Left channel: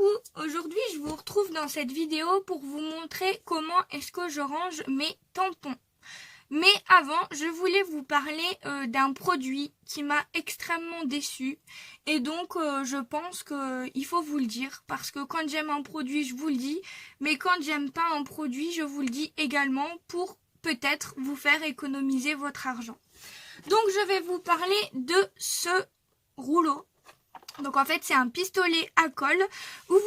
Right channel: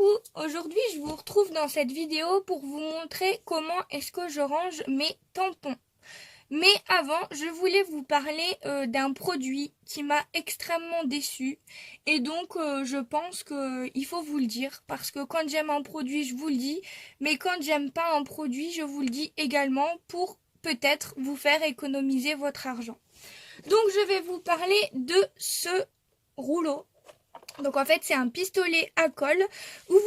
Coucou, aujourd'hui je vous retrouve dans cette vidéo pour vous montrer comment est-ce que je range mes tampons. Mais avant, je voulais vous parler d'un produit qui m'a extrêmement déçue. Et donc, je pense qu'il faut vous le dire. Parce que quand j'aime un produit, je vous le dis. Mais quand j'aime pas un produit, je vous le dis également pour peut-être vous faire économiser votre argent. Donc, je vais vous parler de ce rouleau. Donc en fait c'est un pistolet à colle où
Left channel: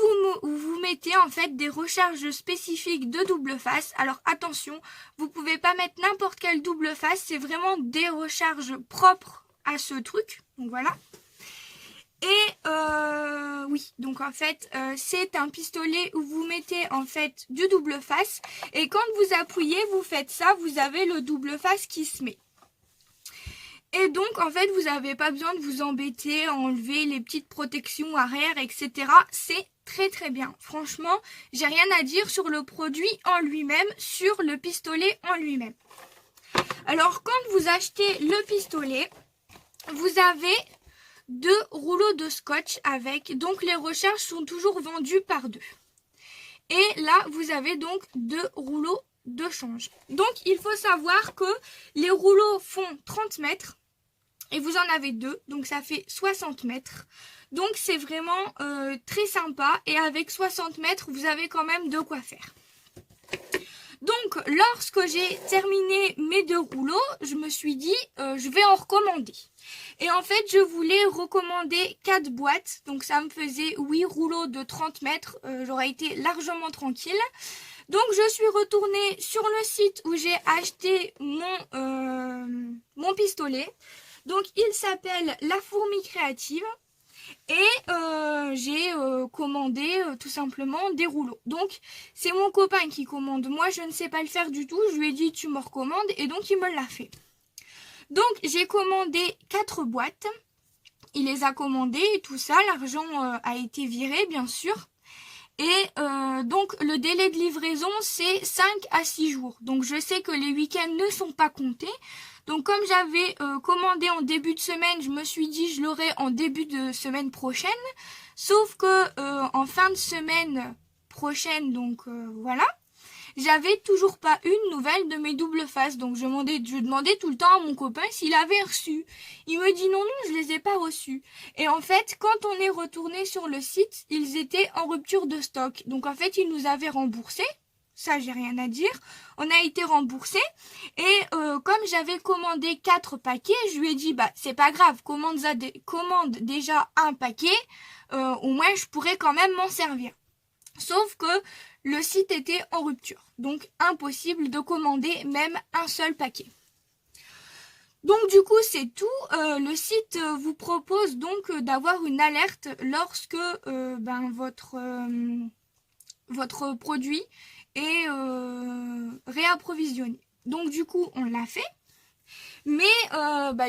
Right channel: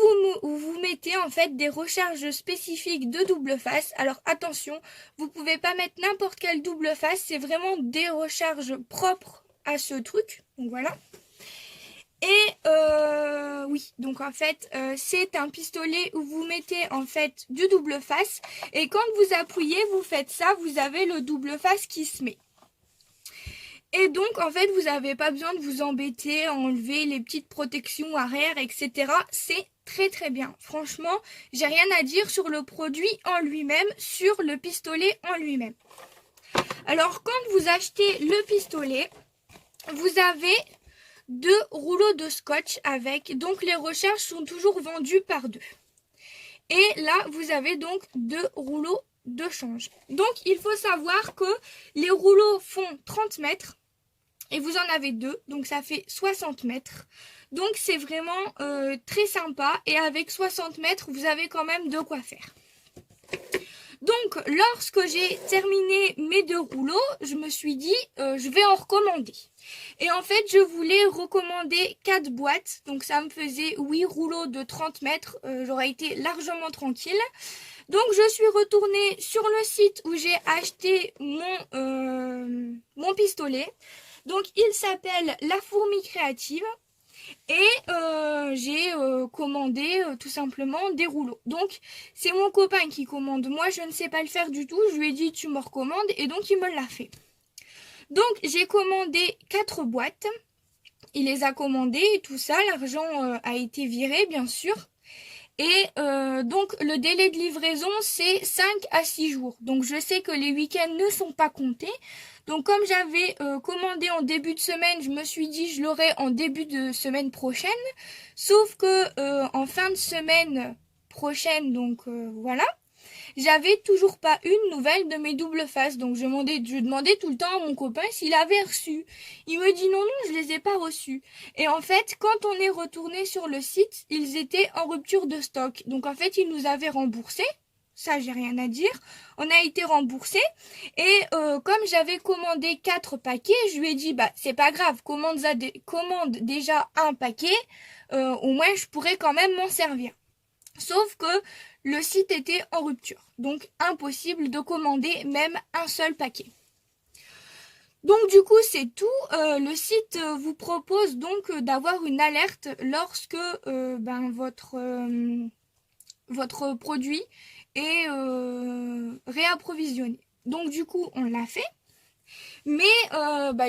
vous mettez en fait des recharges spécifiques de double face. Alors attention, vous pouvez pas mettre n'importe quelle double face, c'est vraiment des recharges propres à ce truc. Donc voilà. Et oui, donc en fait c'est un pistolet où vous mettez en fait du double face et quand vous appuyez, vous faites ça, vous avez le double face qui se met. Et donc, en fait, vous n'avez pas besoin de vous embêter à enlever les petites protections arrière, etc. C'est très très bien. Franchement, j'ai rien à dire sur le produit en lui-même, sur le pistolet en lui-même. Alors, quand vous achetez le pistolet, vous avez 2 rouleaux de scotch avec. Donc, les recharges sont toujours vendues par 2. Et là, vous avez donc 2 rouleaux de change. Donc, il faut savoir que les rouleaux font 30 mètres. Et vous en avez 2, donc ça fait 60 mètres. Donc c'est vraiment très sympa. Et avec 60 mètres, vous avez quand même de quoi faire. Donc lorsque j'ai terminé mes 2 rouleaux, je me suis dit, je vais en recommander. Et en fait, je voulais recommander 4 boîtes. Donc ça me faisait 8 rouleaux de 30 mètres. J'aurais été largement tranquille. Donc je suis retournée sur le site où j'ai acheté mon pistolet. Donc il s'appelle La Fourmi Créative et j'ai commandé tout simplement des rouleaux. Donc c'est mon copain qui commande, moi je ne sais pas le faire du tout, je lui ai dit tu me recommandes et donc il me l'a fait. Donc j'ai commandé 4 boîtes, il les a commandées et tout ça, l'argent a été viré bien sûr. Et donc le délai de livraison c'est 5 à 6 jours. Donc je sais que les week-ends ne sont pas comptés. Donc comme j'avais commandé en début de semaine, je me suis dit je l'aurai en début de semaine prochaine. Sauf que en fin de semaine prochaine, donc voilà, j'avais toujours pas une nouvelle de mes doubles faces. Donc je demandais tout le temps à mon copain s'il avait reçu. Il me dit non, je les ai pas reçus. Et en fait, quand on est retourné sur le site, ils étaient en rupture de stock. Donc en fait, ils nous avaient remboursé. Ça, j'ai rien à dire. On a été remboursé. Et comme j'avais commandé 4 paquets, je lui ai dit, bah c'est pas grave, commande déjà un paquet. Au moins, je pourrais quand même m'en servir. Sauf que le site était en rupture. Donc, impossible de commander même un seul paquet. Donc, du coup, c'est tout. Le site vous propose donc d'avoir une alerte lorsque votre produit est réapprovisionné. Donc, du coup, on l'a fait. Mais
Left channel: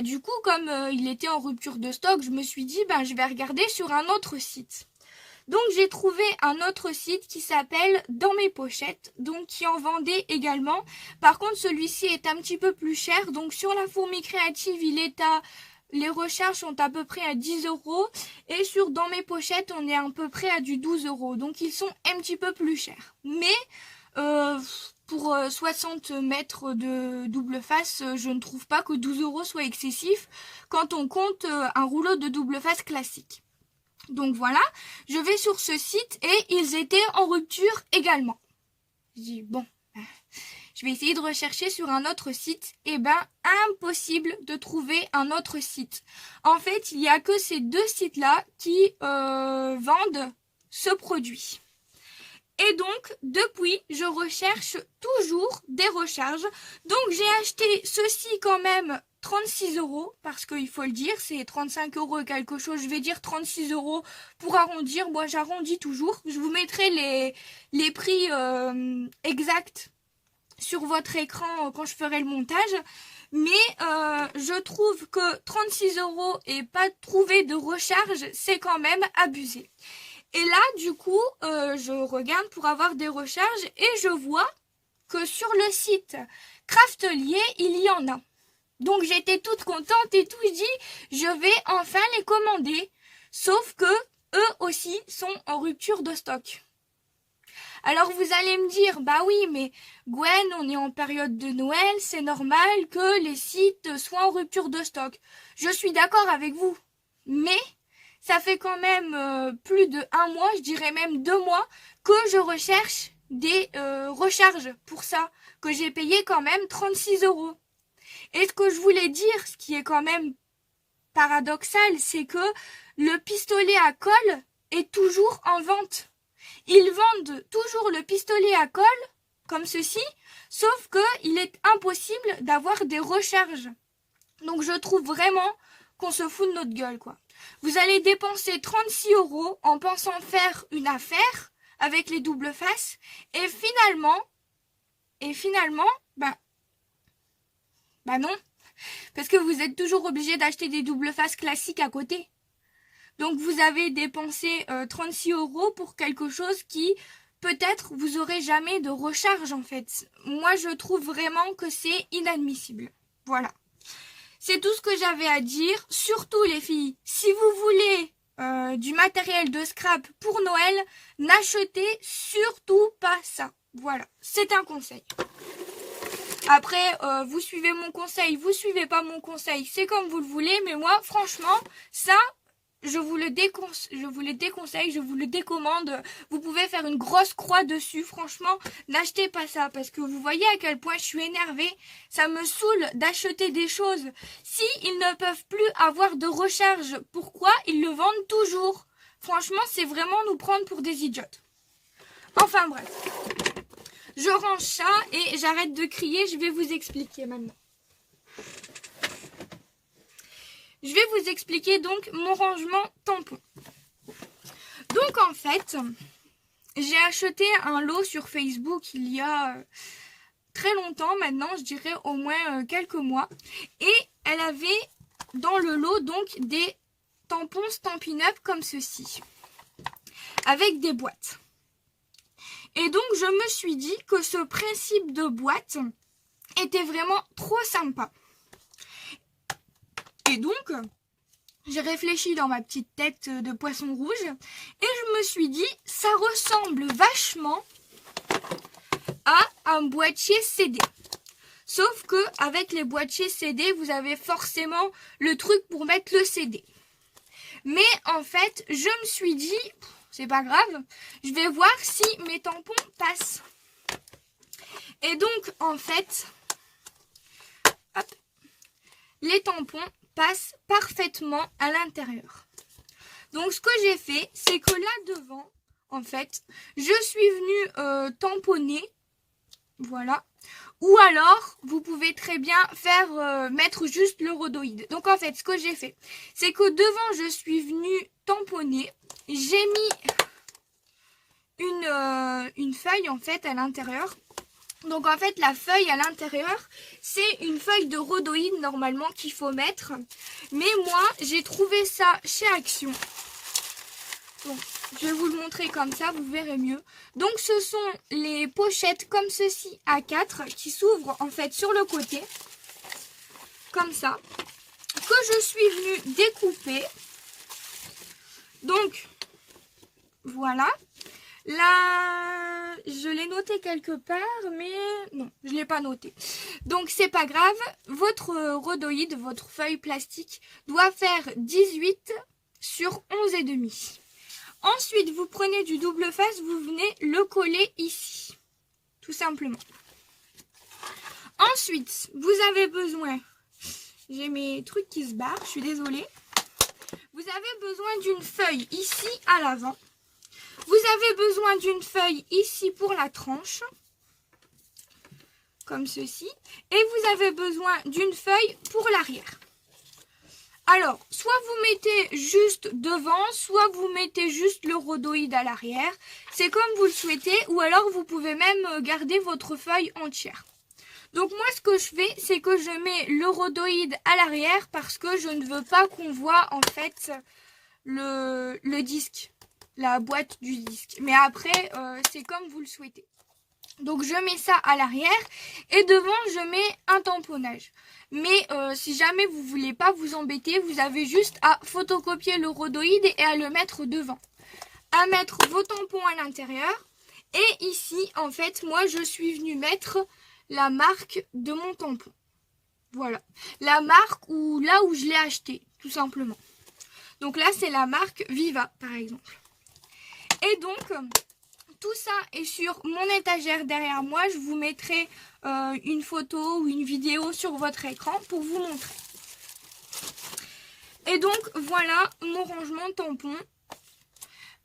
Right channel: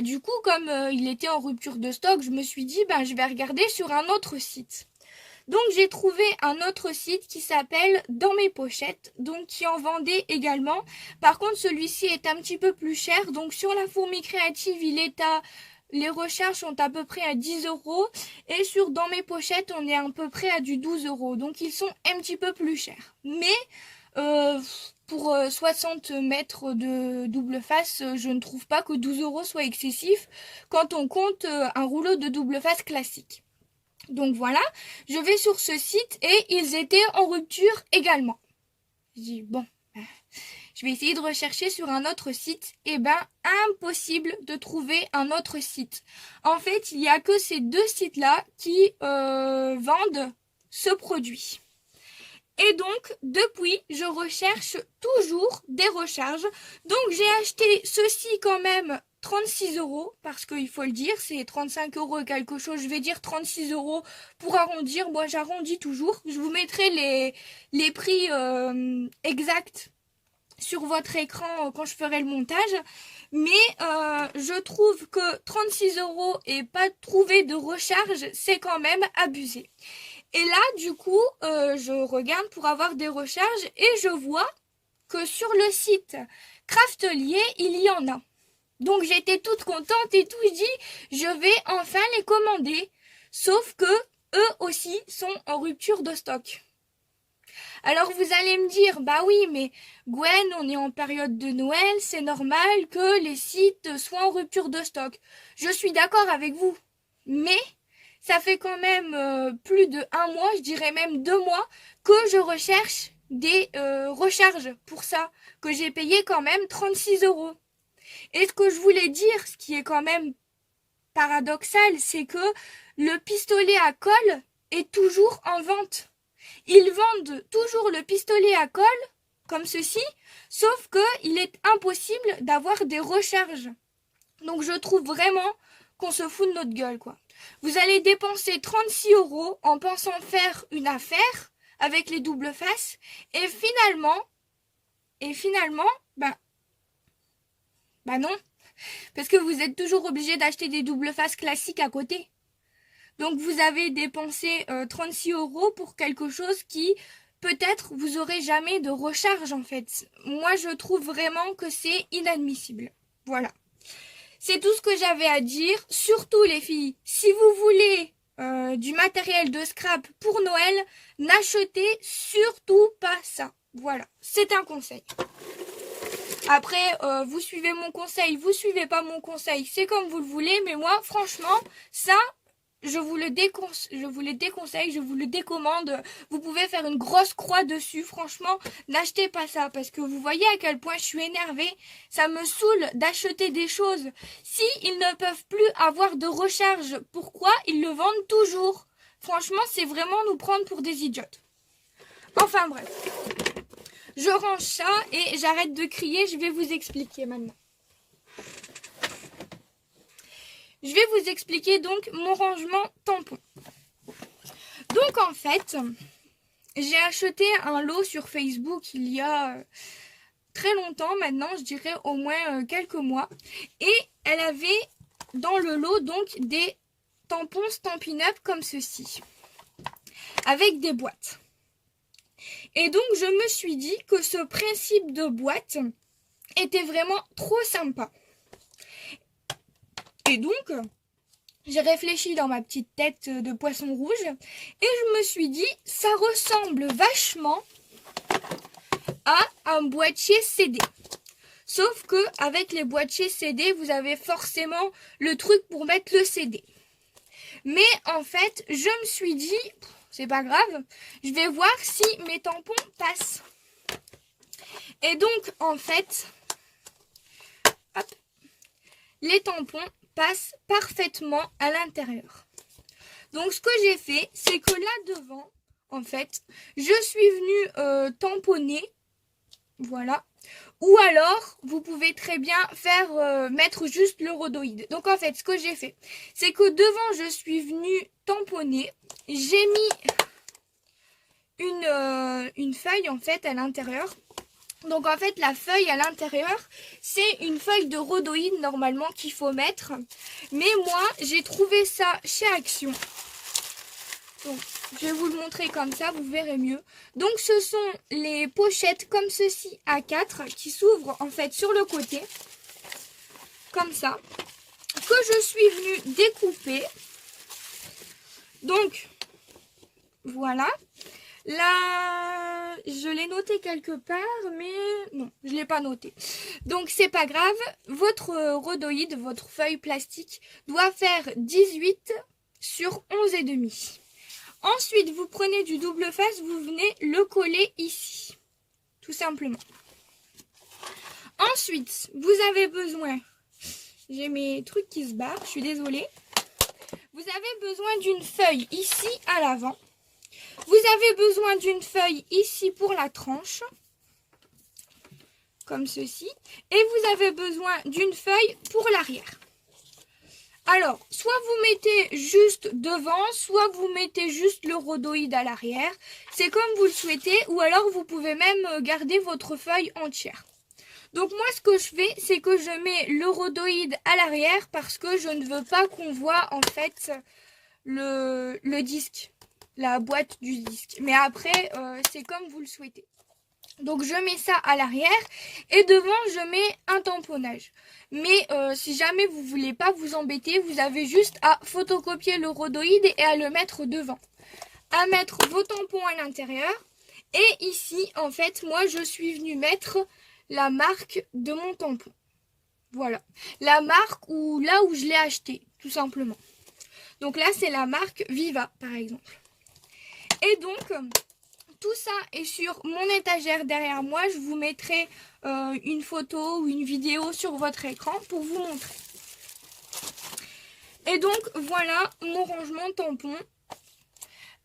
du coup, comme il était en rupture de stock, je me suis dit, je vais regarder sur un autre site. Donc j'ai trouvé un autre site qui s'appelle Dans mes pochettes, donc qui en vendait également. Par contre celui-ci est un petit peu plus cher, donc sur La Fourmi Créative les recharges sont à peu près à 10 € et sur Dans mes pochettes on est à peu près à du 12 €, donc ils sont un petit peu plus chers. Mais pour 60 mètres de double face, je ne trouve pas que 12 € soit excessif quand on compte un rouleau de double face classique. Donc voilà, je vais sur ce site et ils étaient en rupture également. Je dis bon, je vais essayer de rechercher sur un autre site. Et impossible de trouver un autre site. En fait, il n'y a que ces 2 sites-là qui vendent ce produit. Et donc, depuis, je recherche toujours des recharges. Donc, j'ai acheté ceci quand même 36 € parce qu'il faut le dire, c'est 35 € et quelque chose. Je vais dire 36 € pour arrondir. Moi, j'arrondis toujours. Je vous mettrai les prix exacts sur votre écran quand je ferai le montage. Mais je trouve que 36 € et pas trouver de recharge, c'est quand même abusé. Et là, du coup, je regarde pour avoir des recharges et je vois que sur le site Craftelier, il y en a. Donc, j'étais toute contente et tout. Je dis, je vais enfin les commander. Sauf que eux aussi sont en rupture de stock. Alors vous allez me dire, bah oui, mais Gwen, on est en période de Noël, c'est normal que les sites soient en rupture de stock. Je suis d'accord avec vous, mais ça fait quand même plus de 1 mois, je dirais même 2 mois, que je recherche des recharges pour ça, que j'ai payé quand même 36 €. Et ce que je voulais dire, ce qui est quand même paradoxal, c'est que le pistolet à colle est toujours en vente. Ils vendent toujours le pistolet à colle, comme ceci, sauf qu'il est impossible d'avoir des recharges. Donc je trouve vraiment qu'on se fout de notre gueule, quoi. Vous allez dépenser 36 € en pensant faire une affaire avec les doubles faces, et finalement, bah non, parce que vous êtes toujours obligé d'acheter des doubles faces classiques à côté. Donc vous avez dépensé 36 € pour quelque chose qui, peut-être, vous aurez jamais de recharge en fait. Moi je trouve vraiment que c'est inadmissible. Voilà. C'est tout ce que j'avais à dire. Surtout les filles, si vous voulez du matériel de scrap pour Noël, n'achetez surtout pas ça. Voilà, c'est un conseil. Après, vous suivez mon conseil, vous suivez pas mon conseil, c'est comme vous le voulez. Mais moi, franchement, ça, je vous le déconseille, je vous le décommande. Vous pouvez faire une grosse croix dessus. Franchement, n'achetez pas ça. Parce que vous voyez à quel point je suis énervée. Ça me saoule d'acheter des choses. Si ils ne peuvent plus avoir de recharge, pourquoi ils le vendent toujours? Franchement, c'est vraiment nous prendre pour des idiotes. Enfin bref. Je range ça et j'arrête de crier. Je vais vous expliquer maintenant. Je vais vous expliquer donc mon rangement tampon. Donc en fait, j'ai acheté un lot sur Facebook il y a très longtemps maintenant, je dirais au moins quelques mois. Et elle avait dans le lot donc des tampons Stampin' Up comme ceci, avec des boîtes. Et donc je me suis dit que ce principe de boîte était vraiment trop sympa. Et donc, j'ai réfléchi dans ma petite tête de poisson rouge et je me suis dit, ça ressemble vachement à un boîtier CD. Sauf que avec les boîtiers CD, vous avez forcément le truc pour mettre le CD. Mais en fait, je me suis dit, c'est pas grave, je vais voir si mes tampons passent. Et donc, en fait, hop, les tampons passe parfaitement à l'intérieur. Donc ce que j'ai fait, c'est que là devant, en fait, je suis venue tamponner, voilà. Ou alors, vous pouvez très bien faire mettre juste le rhodoïde. Donc en fait, ce que j'ai fait, c'est que devant, je suis venue tamponner. J'ai mis une feuille en fait à l'intérieur. Donc en fait la feuille à l'intérieur c'est une feuille de rhodoïde normalement qu'il faut mettre. Mais moi j'ai trouvé ça chez Action. Donc je vais vous le montrer comme ça, vous verrez mieux. Donc ce sont les pochettes comme ceci à 4 qui s'ouvrent en fait sur le côté. Comme ça. Que je suis venue découper. Donc voilà. Là, je l'ai noté quelque part, mais non, je ne l'ai pas noté. Donc, c'est pas grave. Votre rhodoïde, votre feuille plastique, doit faire 18 sur 11,5. Ensuite, vous prenez du double face, vous venez le coller ici. Tout simplement. Ensuite, vous avez besoin... J'ai mes trucs qui se barrent, je suis désolée. Vous avez besoin d'une feuille ici à l'avant. Vous avez besoin d'une feuille ici pour la tranche, comme ceci. Et vous avez besoin d'une feuille pour l'arrière. Alors, soit vous mettez juste devant, soit vous mettez juste le rhodoïde à l'arrière. C'est comme vous le souhaitez, ou alors vous pouvez même garder votre feuille entière. Donc moi, ce que je fais, c'est que je mets le rhodoïde à l'arrière parce que je ne veux pas qu'on voit en fait le disque. La boîte du disque. Mais après, c'est comme vous le souhaitez. Donc, je mets ça à l'arrière. Et devant, je mets un tamponnage. Mais si jamais vous voulez pas vous embêter, vous avez juste à photocopier le rhodoïde et à le mettre devant. À mettre vos tampons à l'intérieur. Et ici, en fait, moi, je suis venue mettre la marque de mon tampon. Voilà. La marque ou là où je l'ai acheté, tout simplement. Donc là, c'est la marque Viva, par exemple. Et donc, tout ça est sur mon étagère derrière moi. Je vous mettrai une photo ou une vidéo sur votre écran pour vous montrer. Et donc, voilà mon rangement tampon.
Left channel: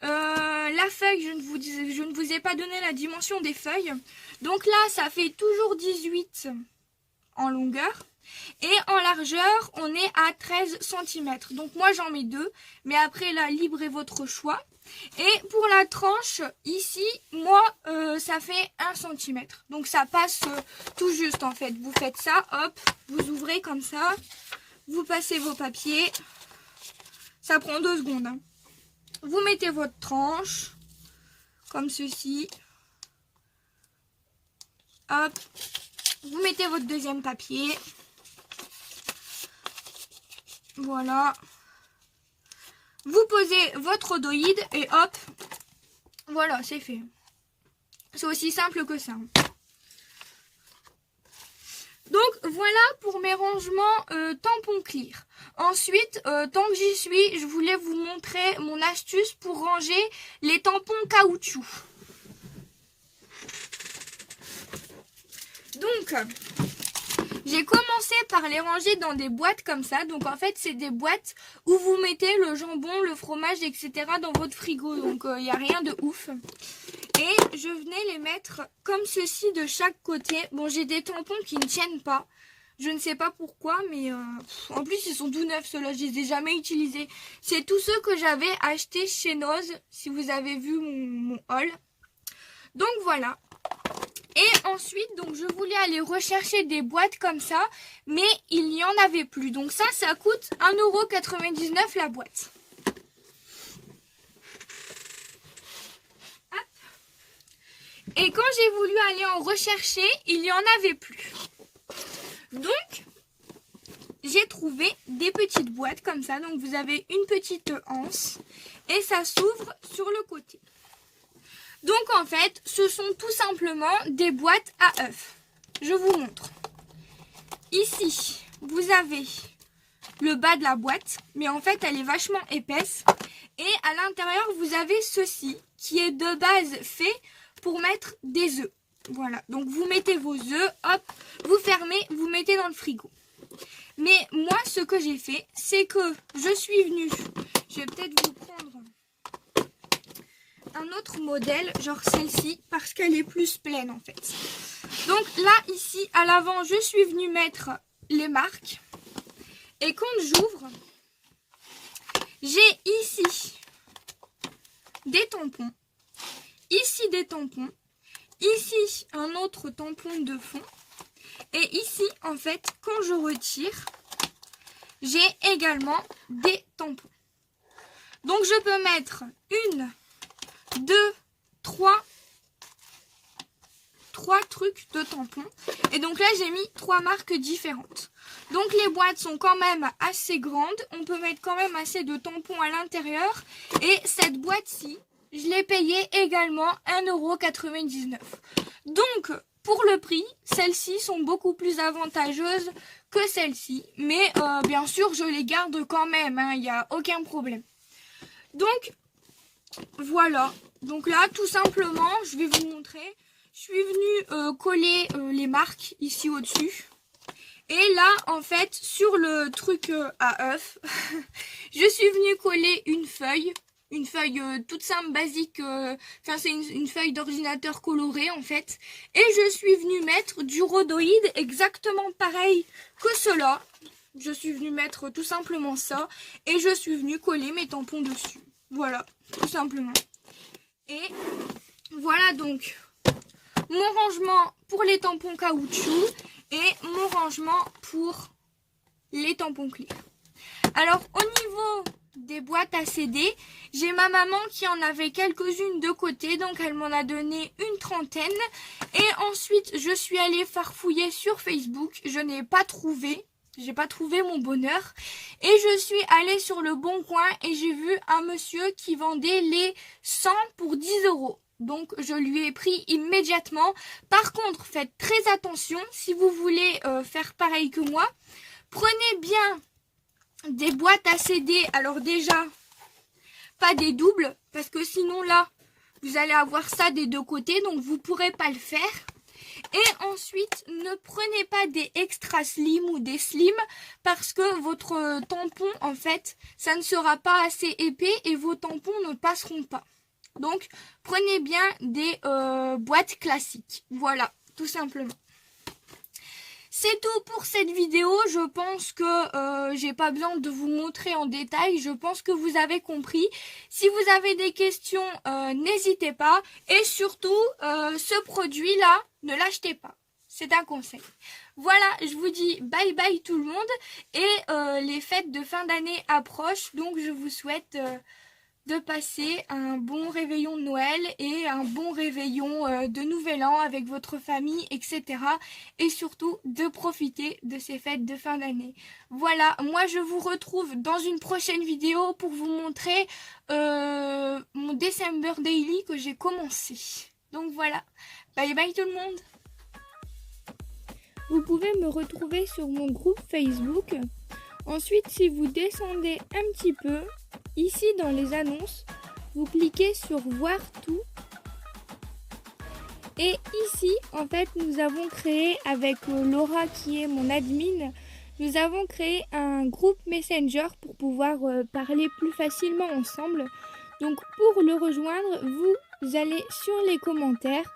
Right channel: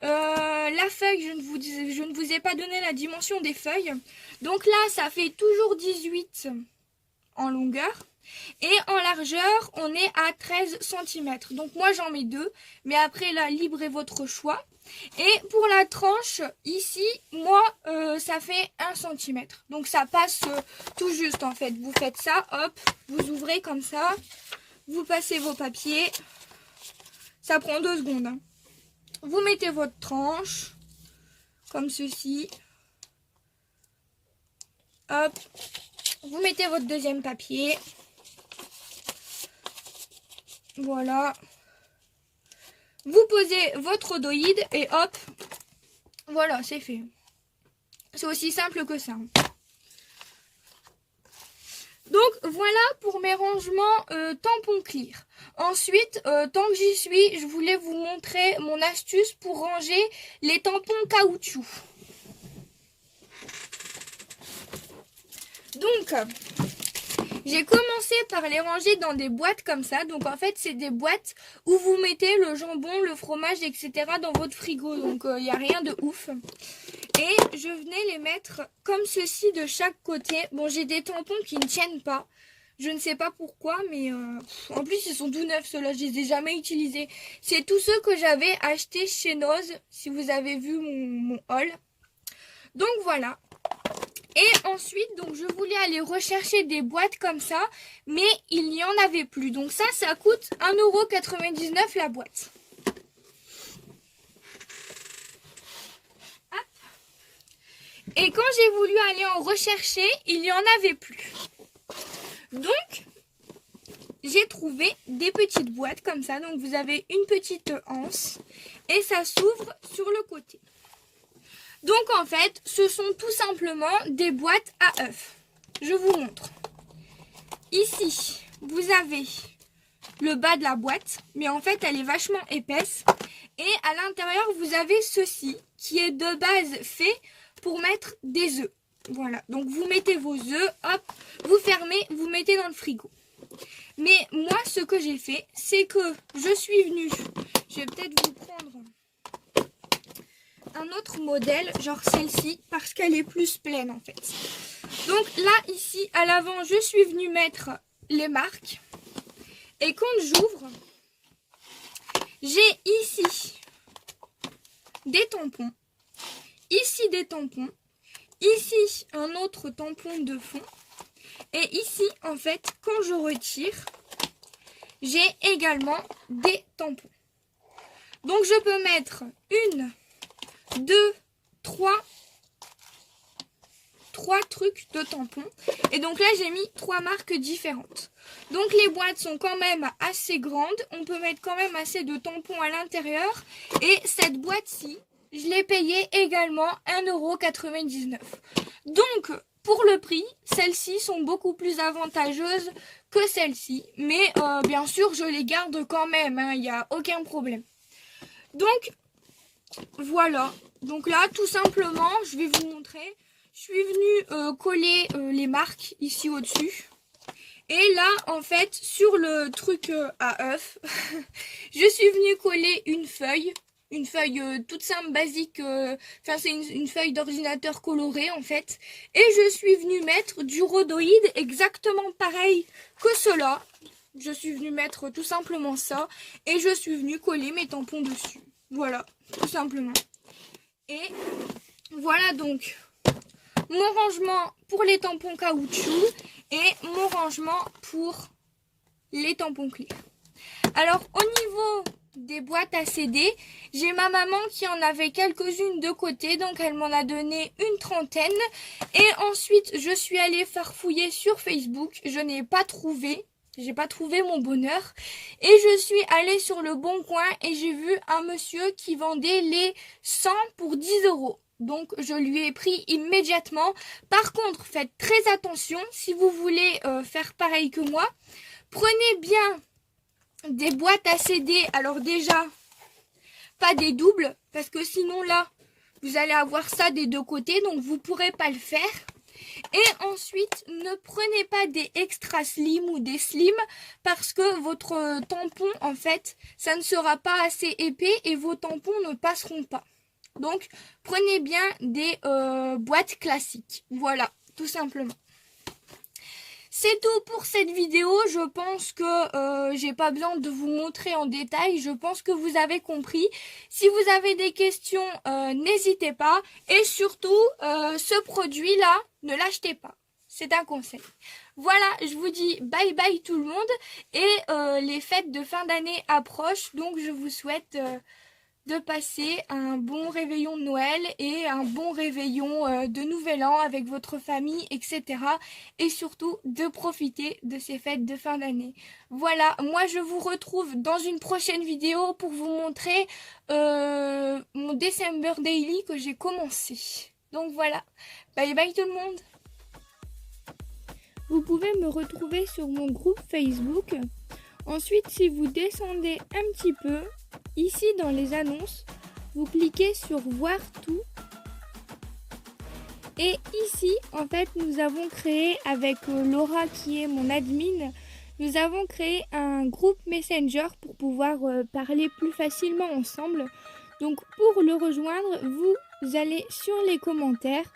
La feuille, je ne vous ai pas donné la dimension des feuilles. Donc là, ça fait toujours 18 en longueur. Et en largeur, on est à 13 cm. Donc moi, j'en mets 2. Mais après, là, libre est votre choix. Et pour la tranche, ici, moi, ça fait 1 cm. Donc ça passe tout juste, en fait. Vous faites ça, hop, vous ouvrez comme ça. Vous passez vos papiers. Ça prend 2 secondes, hein. Vous mettez votre tranche, comme ceci. Hop. Vous mettez votre deuxième papier. Voilà. Vous posez votre rhodoïde et hop. Voilà, c'est fait. C'est aussi simple que ça. Donc voilà pour mes rangements tampons clear. Ensuite, tant que j'y suis, je voulais vous montrer mon astuce pour ranger les tampons caoutchouc. Donc, j'ai commencé par les ranger dans des boîtes comme ça. Donc en fait, c'est des boîtes où vous mettez le jambon, le fromage, etc. dans votre frigo. Donc il n'y a rien de ouf. Et je venais les mettre comme ceci de chaque côté. Bon, j'ai des tampons qui ne tiennent pas. Je ne sais pas pourquoi, mais en plus, ils sont tout neufs, ceux-là. Je les ai jamais utilisés. C'est tous ceux que j'avais achetés chez Noz, si vous avez vu mon haul. Donc, voilà. Et ensuite, donc, je voulais aller rechercher des boîtes comme ça, mais il n'y en avait plus. Donc ça coûte 1,99 € la boîte. Et quand j'ai voulu aller en rechercher, il n'y en avait plus. Donc, j'ai trouvé des petites boîtes comme ça. Donc, vous avez une petite anse et ça s'ouvre sur le côté. Donc, en fait, ce sont tout simplement des boîtes à œufs. Je vous montre. Ici, vous avez le bas de la boîte, mais en fait, elle est vachement épaisse. Et à l'intérieur, vous avez ceci qui est de base fait pour mettre des œufs. Voilà, donc vous mettez vos œufs, hop, vous fermez, vous mettez dans le frigo. Mais moi, ce que j'ai fait, c'est que je suis venue, je vais peut-être vous prendre un autre modèle, genre celle-ci, parce qu'elle est plus pleine en fait. Donc là, ici, à l'avant, je suis venue mettre les marques. Et quand j'ouvre, j'ai ici des tampons, ici des tampons, ici un autre tampon de fond. Et ici, en fait, quand je retire, j'ai également des tampons. Donc, je peux mettre 1, 2, 3 trucs de tampons. Et donc là, j'ai mis 3 marques différentes. Donc, les boîtes sont quand même assez grandes. On peut mettre quand même assez de tampons à l'intérieur. Et cette boîte-ci, je l'ai payée également 1,99 €. Donc, pour le prix, celles-ci sont beaucoup plus avantageuses que celles-ci. Mais bien sûr, je les garde quand même, hein, il n'y a aucun problème. Donc, voilà. Donc là, tout simplement, je vais vous montrer. Je suis venue coller les marques ici au-dessus. Et là, en fait, sur le truc à œuf, je suis venue coller une feuille. Une feuille toute simple, basique, enfin c'est une feuille d'ordinateur colorée en fait. Et je suis venue mettre du rhodoïde exactement pareil que cela. Je suis venue mettre tout simplement ça. Et je suis venue coller mes tampons dessus. Voilà, tout simplement. Et voilà donc mon rangement pour les tampons caoutchouc et mon rangement pour les tampons clear. Alors au niveau des boîtes à CD, j'ai ma maman qui en avait quelques-unes de côté, donc elle m'en a donné une trentaine. Et ensuite, je suis allée farfouiller sur Facebook, je n'ai pas trouvé j'ai pas trouvé mon bonheur. Et je suis allée sur le Bon Coin et j'ai vu un monsieur qui vendait les 100 pour 10 €. Donc je lui ai pris immédiatement. Par contre, faites très attention si vous voulez faire pareil que moi. Prenez bien des boîtes à CD. Alors déjà, pas des doubles, parce que sinon là, vous allez avoir ça des deux côtés, donc vous ne pourrez pas le faire. Et ensuite, ne prenez pas des extra slim ou des slim, parce que votre tampon, en fait, ça ne sera pas assez épais et vos tampons ne passeront pas. Donc, prenez bien des boîtes classiques. Voilà, tout simplement. C'est tout pour cette vidéo. Je pense que j'ai pas besoin de vous montrer en détail. Je pense que vous avez compris. Si vous avez des questions, n'hésitez pas. Et surtout, ce produit-là, ne l'achetez pas. C'est un conseil. Voilà, je vous dis bye bye tout le monde. Et les fêtes de fin d'année approchent. Donc, je vous souhaite de passer un bon réveillon de Noël et un bon réveillon de Nouvel An avec votre famille, etc. Et surtout de profiter de ces fêtes de fin d'année. Voilà, moi je vous retrouve dans une prochaine vidéo pour vous montrer mon December Daily que j'ai commencé. Donc voilà, bye bye tout le monde. Vous pouvez me retrouver sur mon groupe Facebook. Ensuite, si vous descendez un petit peu, ici dans les annonces, vous cliquez sur voir tout. Et ici, en fait, nous avons créé avec Laura qui est mon admin, nous avons créé un groupe Messenger pour pouvoir parler plus facilement ensemble. Donc pour le rejoindre, vous allez sur les commentaires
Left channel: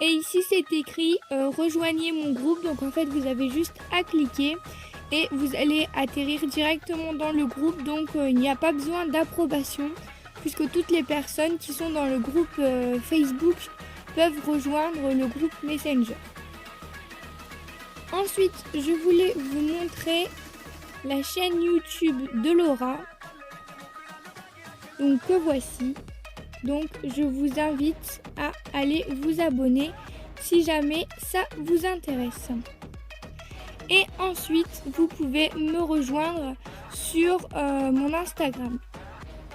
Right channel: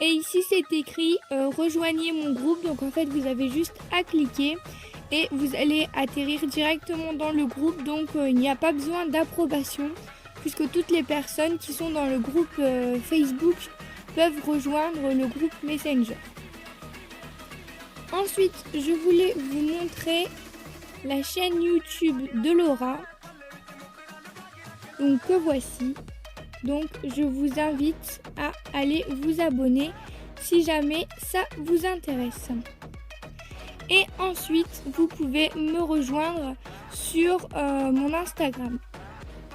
et ici c'est écrit rejoignez mon groupe. Donc en fait, vous avez juste à cliquer. Et vous allez atterrir directement dans le groupe, donc il n'y a pas besoin d'approbation puisque toutes les personnes qui sont dans le groupe Facebook peuvent rejoindre le groupe Messenger. Ensuite, je voulais vous montrer la chaîne YouTube de Laura, donc que voici. Donc je vous invite à aller vous abonner si jamais ça vous intéresse. Et ensuite, vous pouvez me rejoindre sur mon Instagram.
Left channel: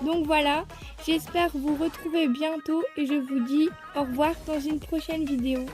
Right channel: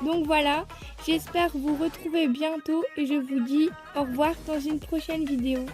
Donc voilà, j'espère vous retrouver bientôt et je vous dis au revoir dans une prochaine vidéo.